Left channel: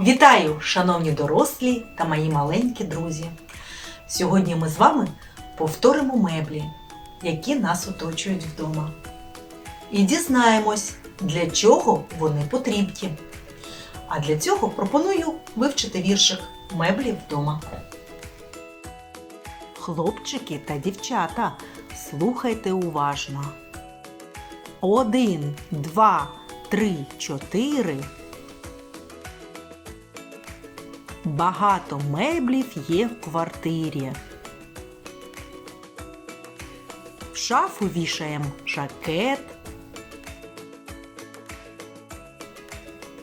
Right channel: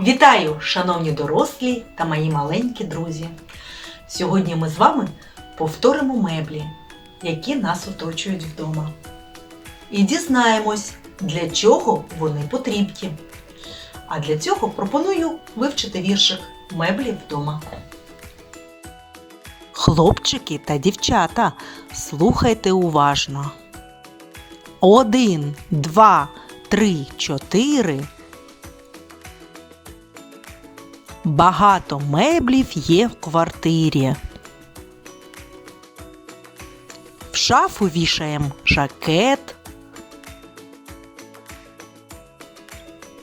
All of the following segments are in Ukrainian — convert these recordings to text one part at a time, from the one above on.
Вітаю, шановні дорослі та мої маленькі друзі! Сьогодні ми з вами повторимо меблі, які нас оточують вдома. І дізнаємось, для чого вони потрібні. А для цього пропоную вивчити віршик меблі вдома. Хлопчики та дівчата, слухайте уважно. Один, два, три, чотири. Багато меблів є в квартирі. В шафу вішаєм жакет.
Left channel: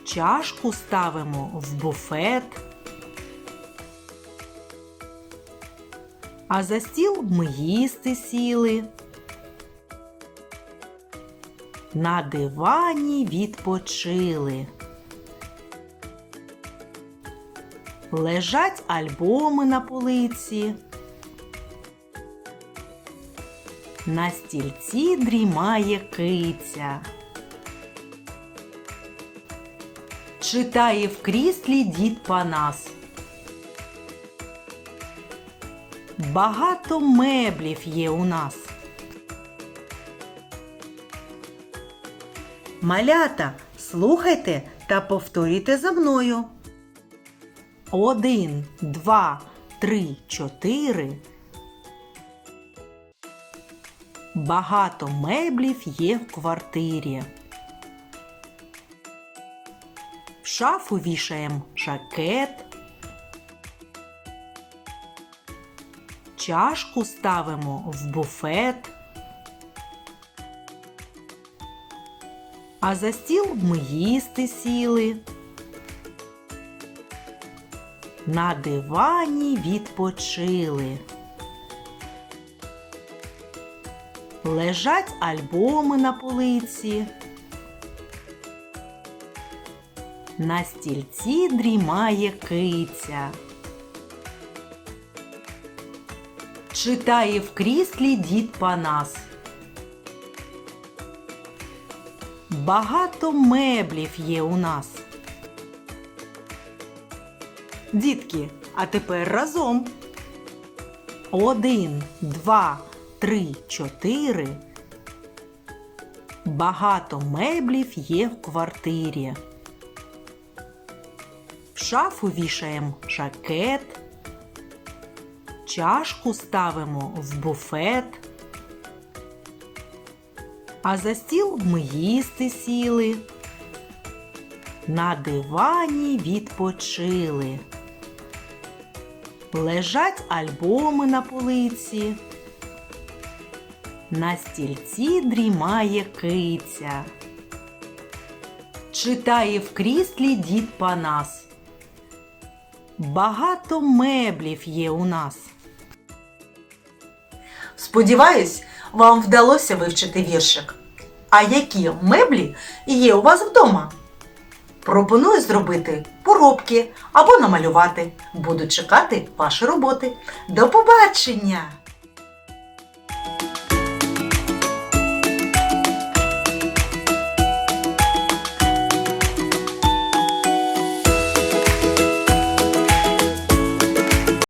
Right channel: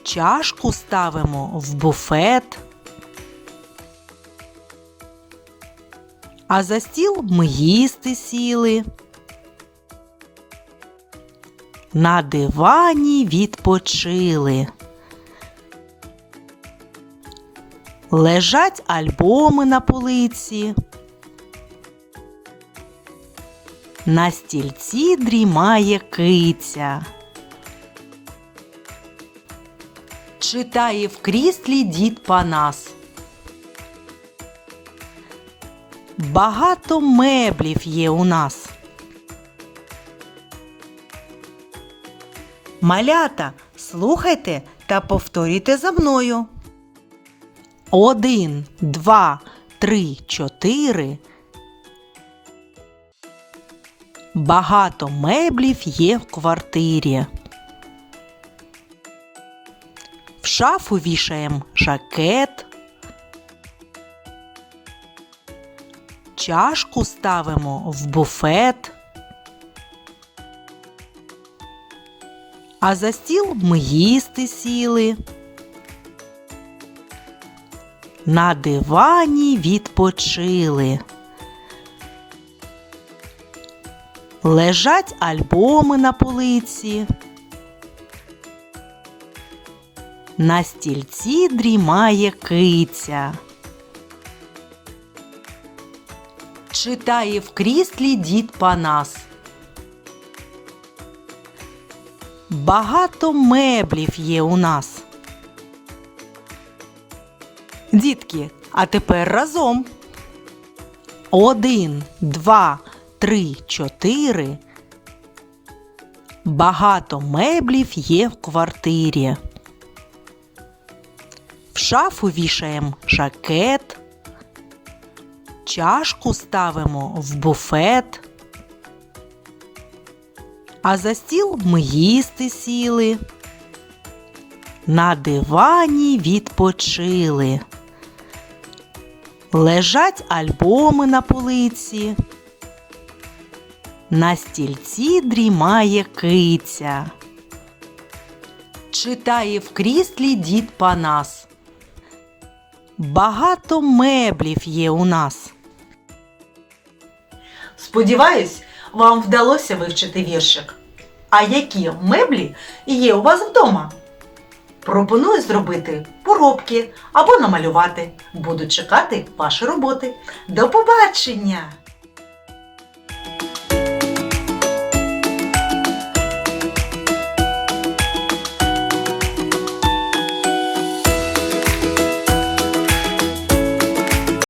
Чашку ставимо в буфет. А за стіл ми їсти сіли. На дивані відпочили. Лежать альбоми на полиці. На стільці дрімає киця. Читає в кріслі дід Панас. Багато меблів є у нас. Малята, слухайте та повторюйте за мною. Один, два, три, чотири. Багато меблів є в квартирі. В шафу вішаєм жакет. Чашку ставимо в буфет. А за стіл ми їсти сіли. На дивані відпочили. Лежать альбоми на полиці. На стільці дрімає киця. Читає в кріслі дід Панас. Багато меблів є у нас. Дітки, а тепер разом. Один, два, три, чотири. Багато меблів є в квартирі. В шафу вішаєм жакет. Чашку ставимо в буфет. А за стіл ми їсти сіли. На дивані відпочили. Лежать альбоми на полиці. На стільці дрімає киця. Читає в кріслі дід Панас. Багато меблів є у нас. Сподіваюсь, вам вдалося вивчити віршик. А які меблі є у вас вдома? Пропоную зробити поробки або намалювати. Буду чекати ваші роботи. До побачення!